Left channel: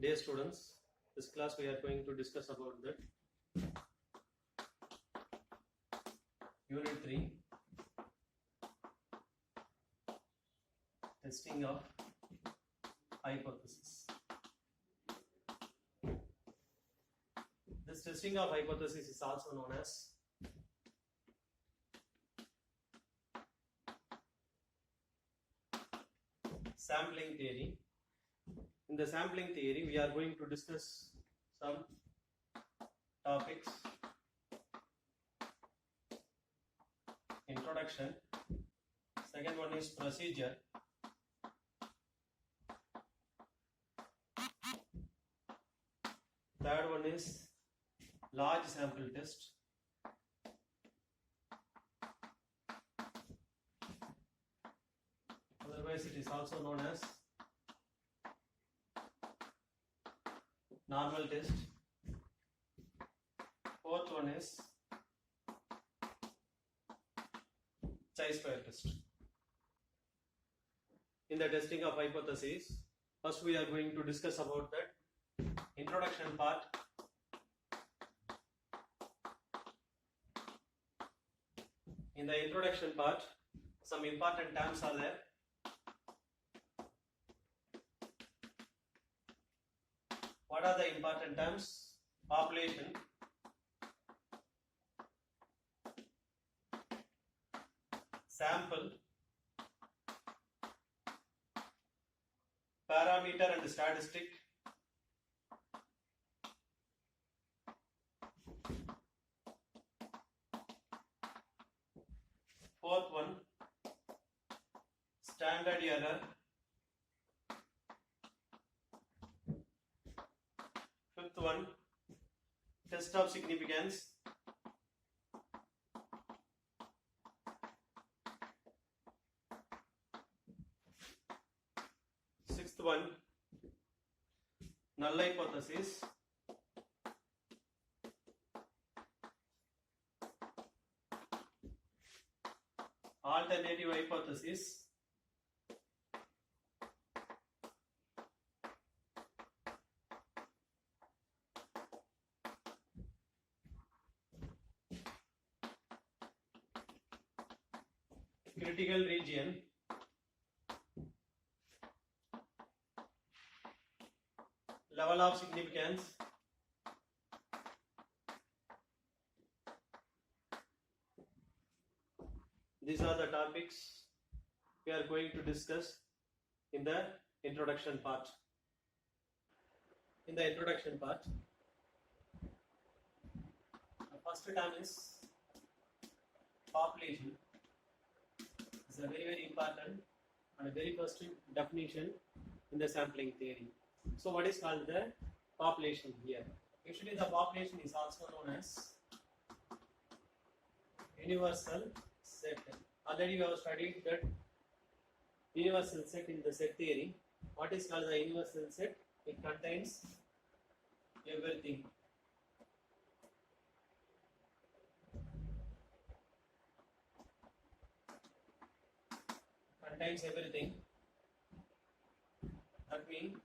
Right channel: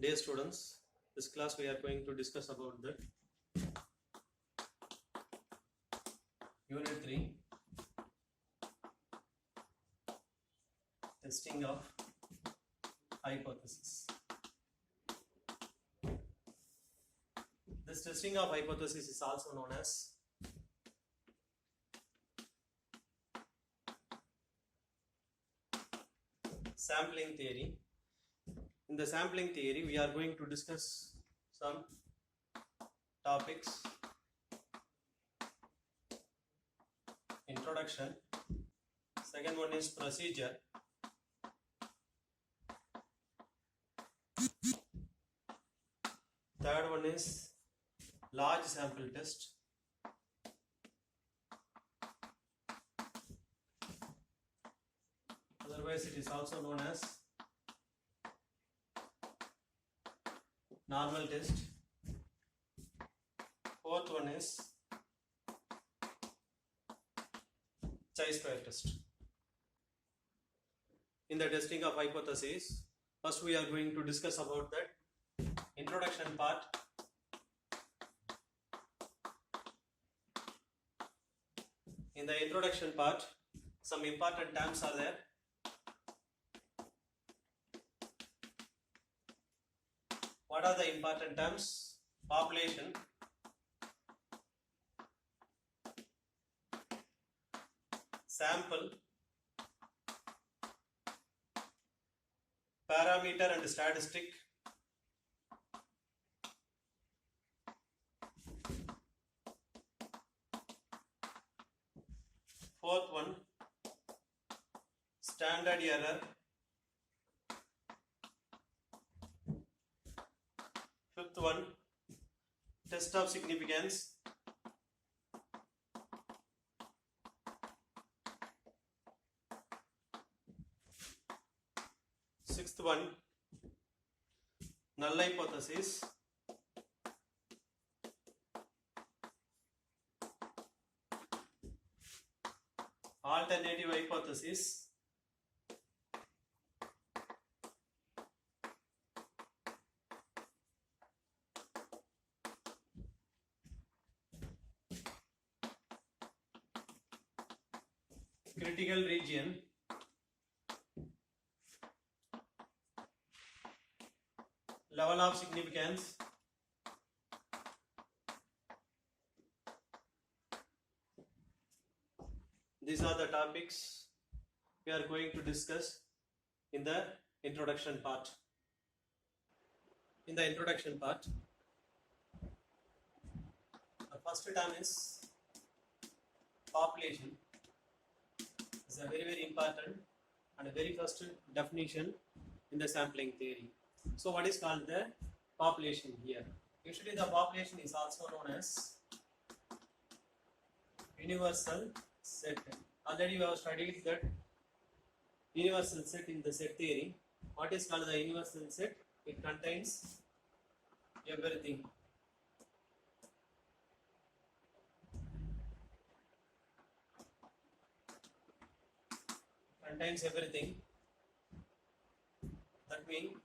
Dear students, this class we are going to discuss about the Unit 3 Testing of Hypothesis. This testing of hypothesis is also known as sampling theory. In the sampling theory, we are going to discuss some topics. Introduction. Second one is procedure. Third one is large sample test. Otherwise, it is also known as normal test. Fourth one is chi-square test. In the testing of hypothesis, first we are going to discuss about that introduction part. In the introduction part, some important terms are there. What are the important terms? Population, sample, parameter and statistic, fourth one, standard error, fifth one, test of significance, sixth one, null hypothesis, alternative hypothesis, critical region, level of significance, these are the topics we are going to discuss in the introduction part. In the introduction part, the first term is population. It's a very important and a very first definition in the sampling theory. So what is called the population here? Usually the population is also known as universal set. Already we have studied that universal set in the set theory. What is called the universal set? It contains everything. Contains everything. That means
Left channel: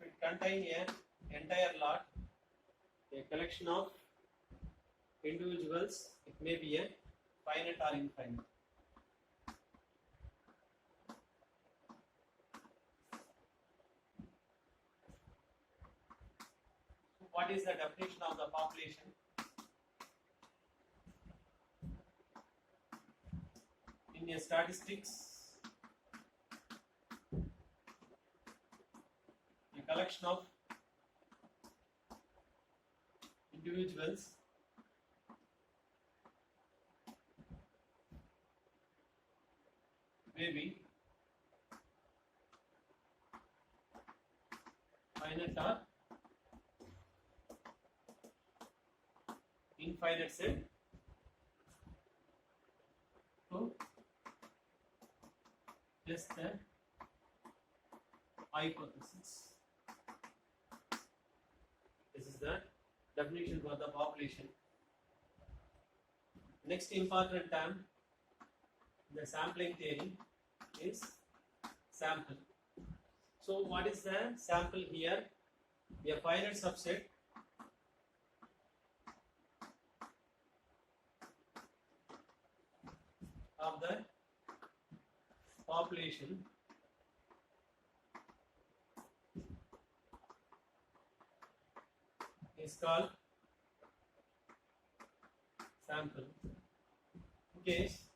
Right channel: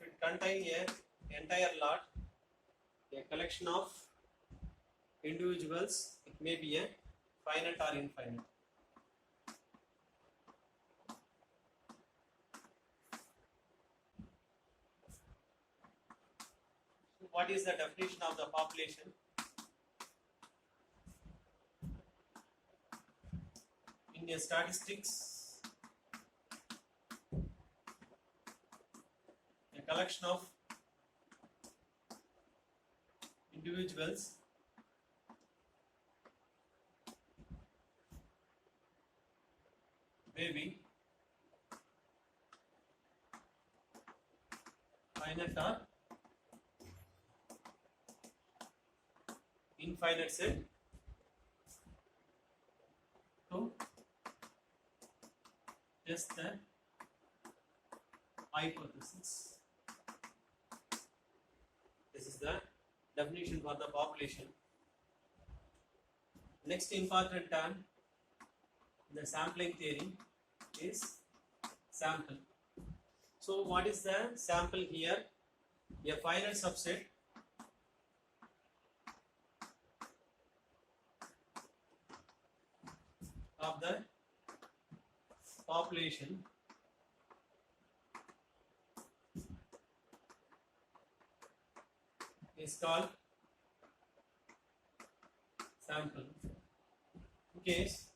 if it contains an entire lot, a collection of individuals, it may be a finite or infinite. So what is the definition of the population? In a statistics, a collection of individuals may be finite or infinite set to test the hypothesis. This is the definition for the population. Next important term in the sampling theory is sample. So what is the sample here? A finite subset of the population is called sample. In case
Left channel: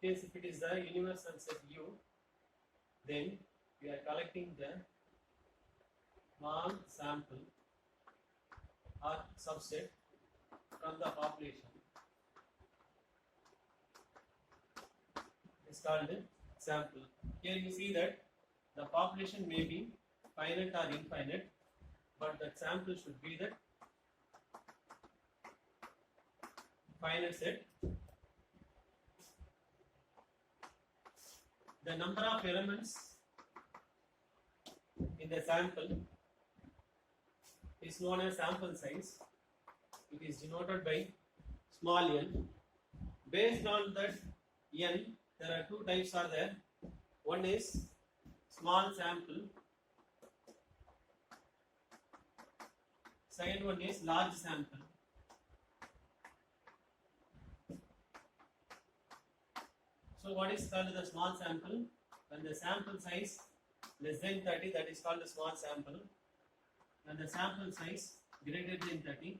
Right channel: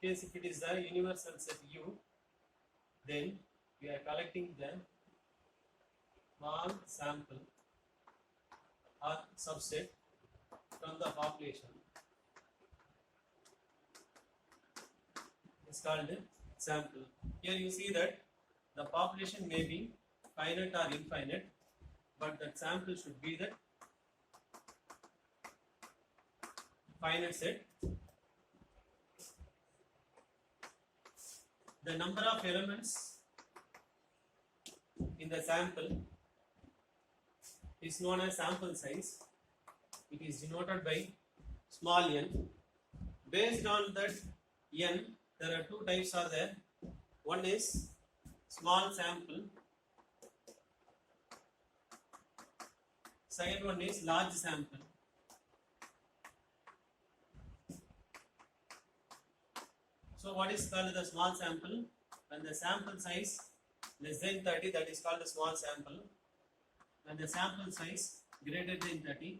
if it is the universal set U, then we are collecting the small sample or subset from the population is called sample. Here you see that the population may be finite or infinite, but that sample should be the finite set. The number of elements in the sample is known as sample size. It is denoted by small n. Based on that n, there are two types are there. One is small sample. Second one is large sample. So what is called the small sample? When the sample size less than 30, that is called the small sample. When the sample size greater than 30,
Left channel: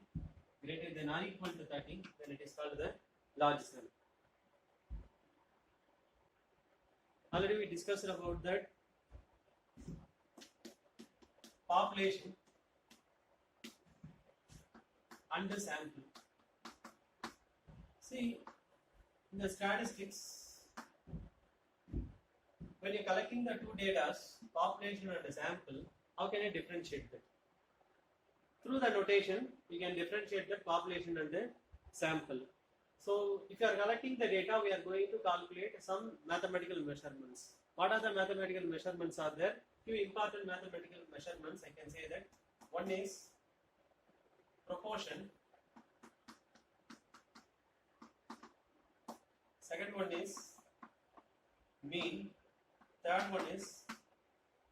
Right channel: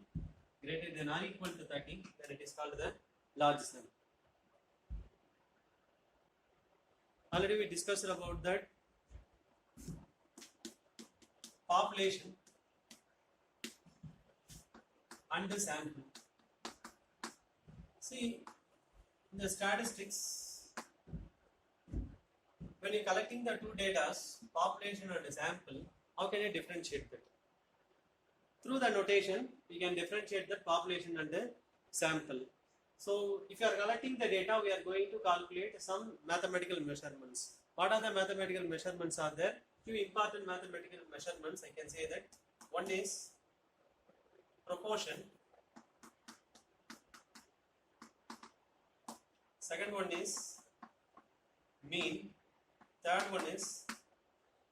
greater than or equal to 30, then it is called the large sample. Already we discussed about that population and the sample. See, in the statistics, when you are collecting the two data, population and sample, how can you differentiate that? Through the notation, you can differentiate the population and the sample. So, if you are collecting the data, we are going to calculate some mathematical measurements. What are the mathematical measurements are there? Few important mathematical measurements, I can say that. One is proportion. Second one is mean. Third one is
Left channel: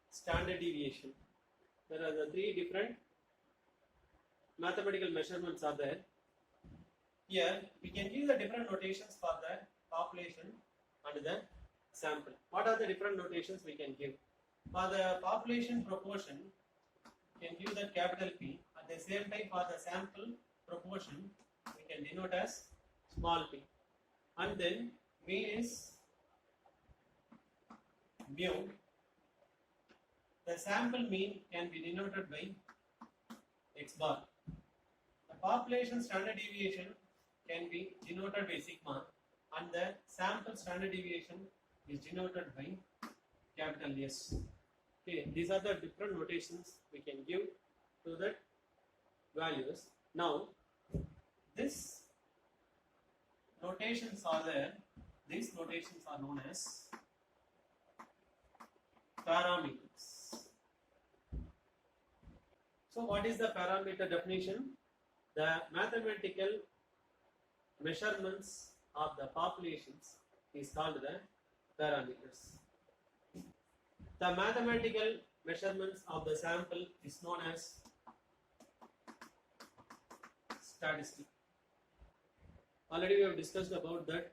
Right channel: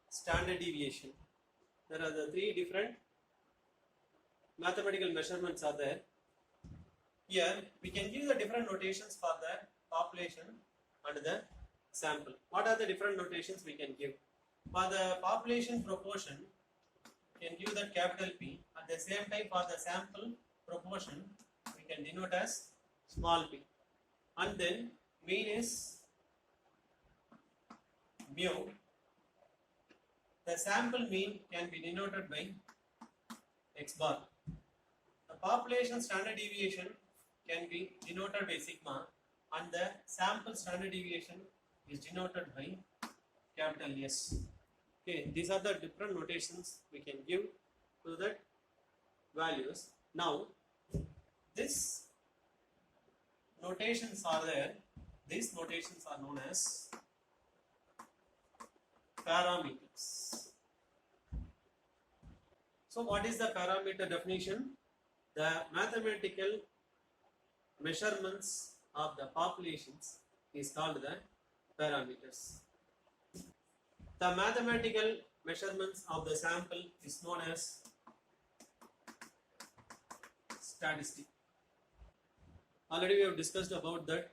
standard deviation. There are the three different mathematical measurements are there. Here we can give the different notations for the population and the sample. What are the different notations we can give? For the population proportion, we can give that capital P. At the same time, for the sample proportion, we can denote as small p. And then mean is mu. The sample mean can be denoted by x bar. The population standard deviation can be denoted by sigma, and the sample standard deviation is denoted by capital S. Okay, these are the different notations we can give to the values. Now, these notations are there. These notations are known as parameters. So what is the parameter definition? The mathematical measurements of the populations is called the parameters. The mathematical measurements of the sample is known as statistic. Already we have discussed about that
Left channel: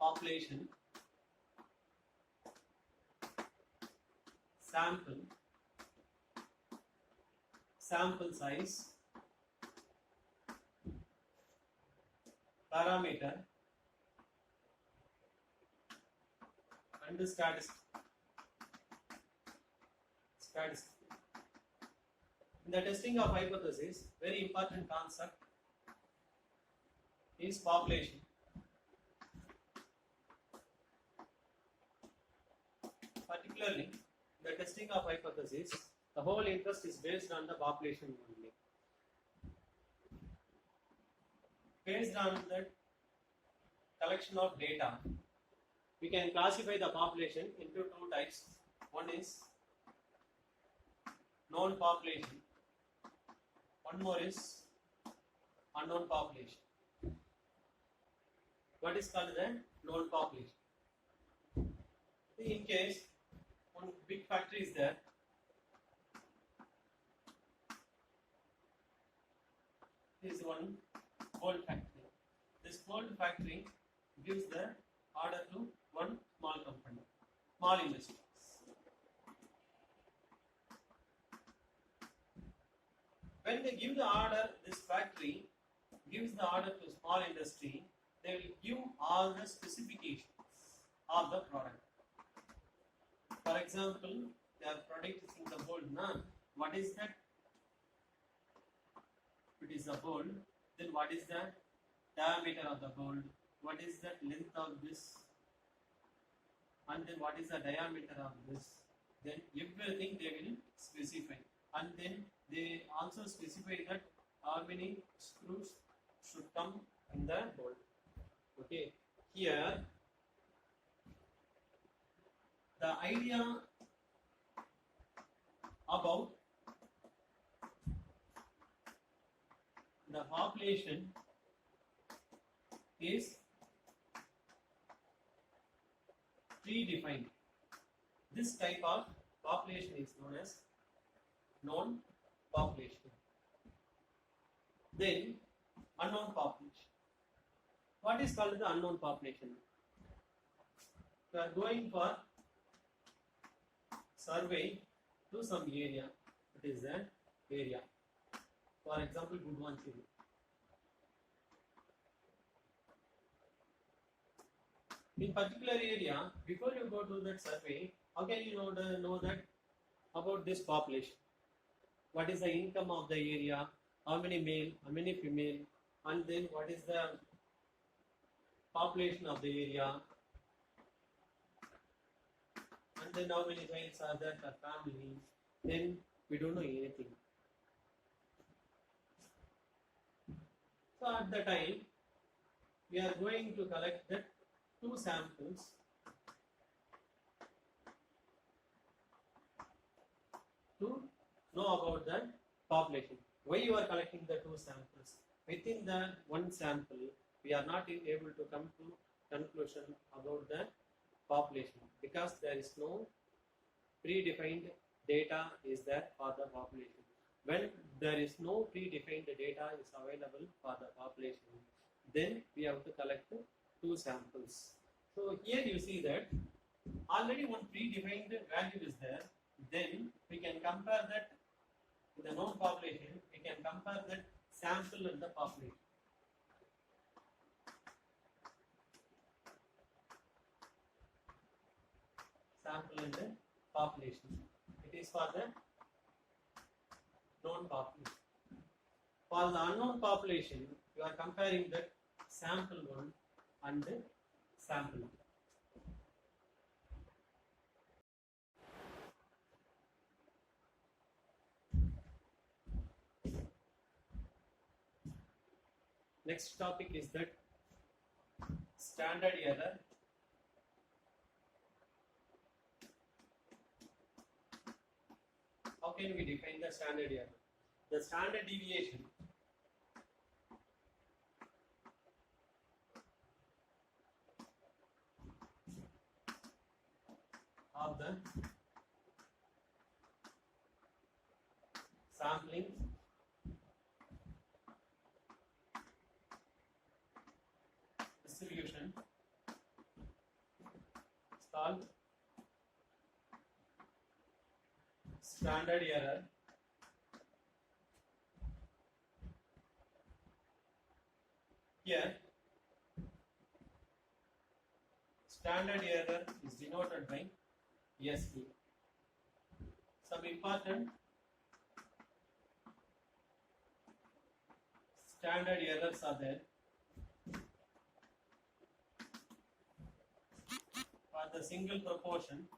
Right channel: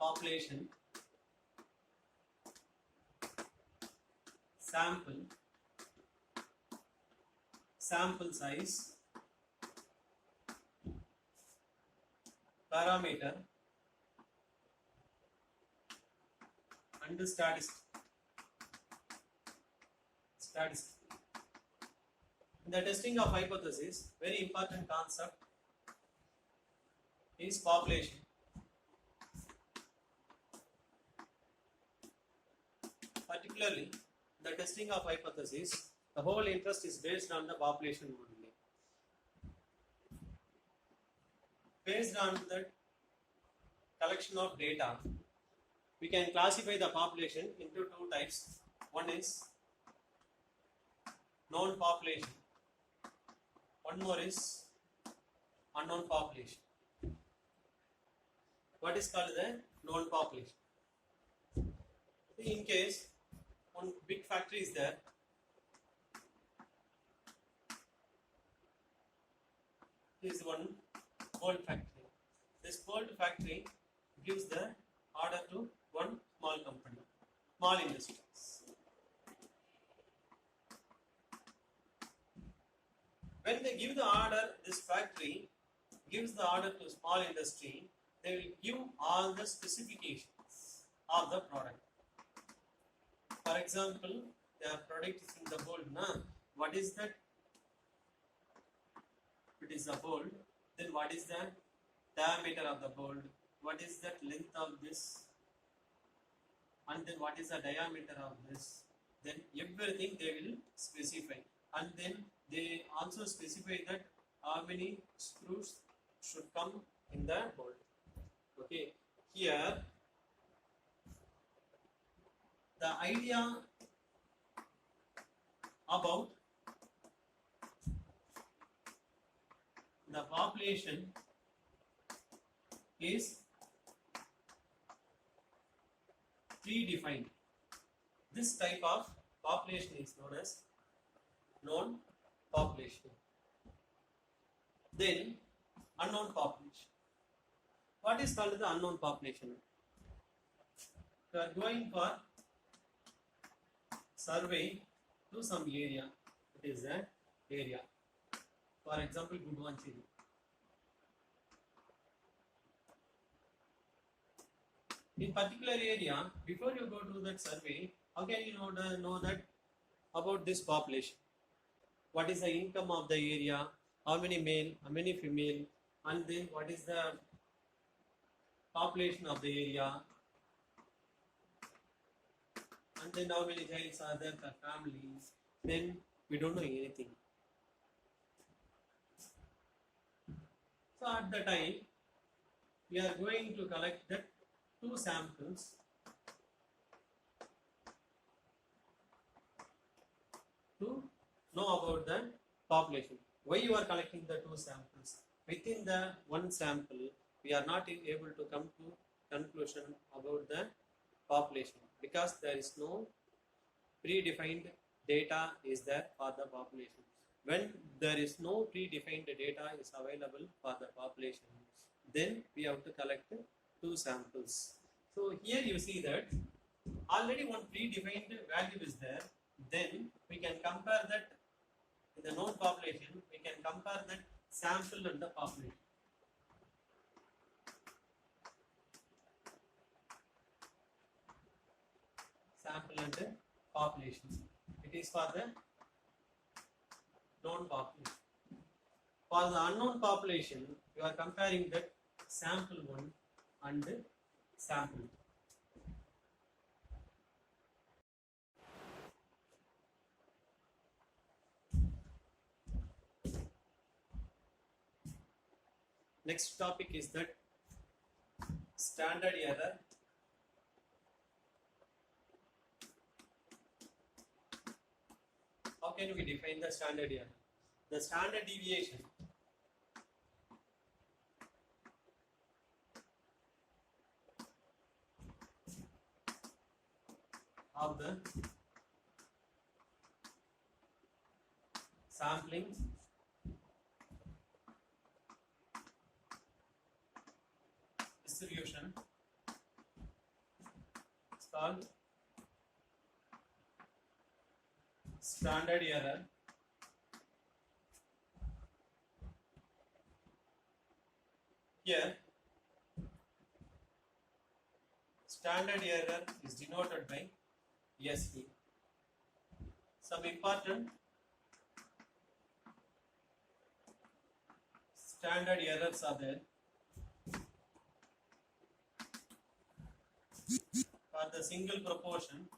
population, sample, sample size, parameter, and the statistic. In the testing of hypothesis, very important concept is population. Particularly, the testing of hypothesis, the whole interest is based on the population only. Based on the collection of data, we can classify the population into two types. One is known population, one more is unknown population. What is called the known population? In case big factory is there. This is one gold factory. This gold factory gives the order to one small company, small industries. When they give the order, this factory gives the order to small industry, they will give all the specifications of the product. For example, their product is in the bold. What is that? It is a bold. Then what is the diameter of the bold? What is that length of this? And then what is the diameter of this? Then everything they will specify. And then they also specify that how many screws should come in the bolt. Okay, here the idea about the population is predefined. This type of population is known as known population. Then unknown population. What is called the unknown population? We are going for survey to some area. It is an area. For example, Gudwanchiri. In particular area, before you go to that survey, how can you know that about this population? What is the income of the area? How many male? How many female? And then what is the population of the area? And then how many childs are there per family? Then we don't know anything. So at the time, we are going to collect the 2 samples to know about the population. Why you are collecting the 2 samples? Within the 1 sample, we are not able to come to conclusion about the population because there is no predefined data is there for the population. When there is no predefined data is available for the population, then we have to collect 2 samples. So here you see that already one predefined value is there. Then we can compare that in the known population. We can compare that sample and the population. Sample and the population. It is for the known population. For the unknown population, you are comparing that sample 1 and the sample 2. Next topic is that standard error. How can we define the standard error? The standard deviation of the sampling distribution is called standard error. Here, standard error is denoted by SE. Some important standard errors are there. For the single proportion,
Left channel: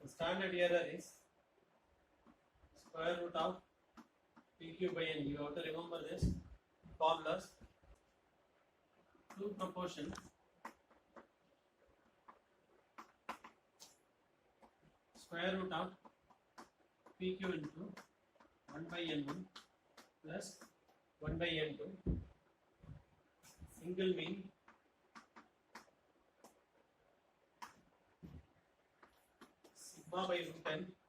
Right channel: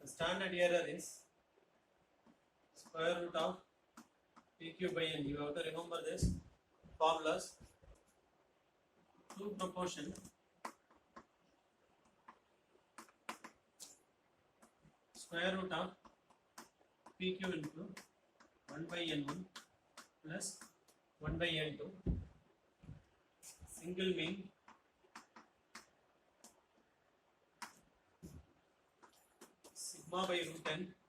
the standard error is square root of PQ by N. You have to remember this formulas. 2 proportion square root of PQ into 1 by N1 plus 1 by N2. Single mean sigma by root n